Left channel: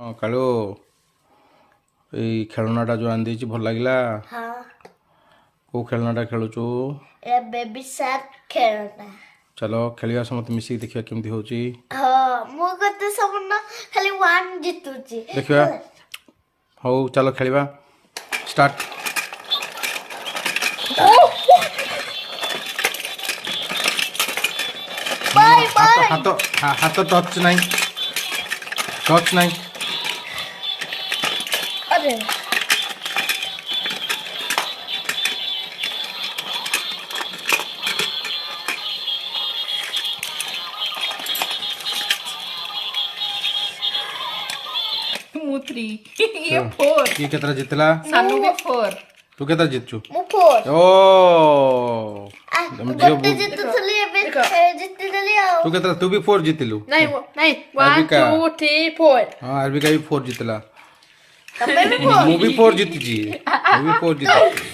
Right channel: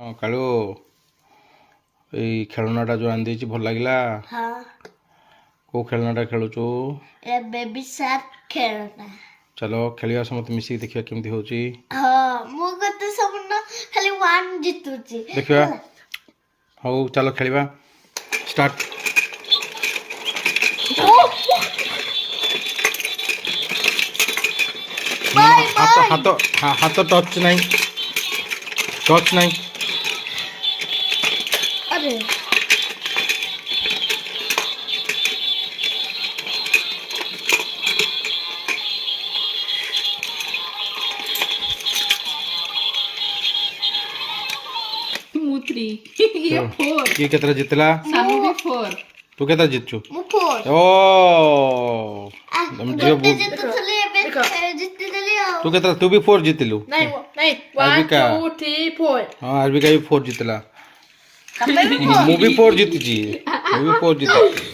ହଁ କାଳୁ ଏଇ ଖେଳନାଟା ଯେଉଁ ଆଣିଦେଇଛି ଭଲ ଲାଗିଲା। ହଁ କେଉଁ ଖେଳନାଟା ଖେଳୁଛୁ? ଏ ବେବି ସାର୍କ ଖେଳନା। ଚାଲ ଖେଳିବା ସମସ୍ତେ ମିଶିକି ଦେଖିବା କେମିତି ହେଉଛି। ହଁ ମୁଁ କେତେ ସମୟ ଖାଲି 1 ଜିତୁଛି। ଦେଖିବା ହଉ ଚାଲ ଖେଳିବା ଷ୍ଟାର୍ଟ। ହାତ ହାତ ଟଚ୍ ନାହିଁ, ଟଚ୍ ନାହିଁ। अरे ମୁଁ 3 ଇଏ 4 କିଏ କେତେଟା ଜିତିଲା? ସାନୁ ବି 4 ତୁ କେତେଟା ଜିତଛୁ? ମୁଁ 4 ଓ ତମ ଝିଅ ଗୋଟେ ଜିତୁଥିଲି ଏବେ ଜିତିଦେଲି ଆଉ। ତୁ କେତେଟା? ତୁ ବି 4 ଜିତିଲୁ। ନାଇଁ 1 ଆରବିକା। 2 3 4 ହଁ ଆରବିକା ବି 4 ଜିତିଲା। ତମେ ବି ମୁଁ ବି 4 ଜିତିଛି, ମୁଁ ବି 4 ଜିତିଛି।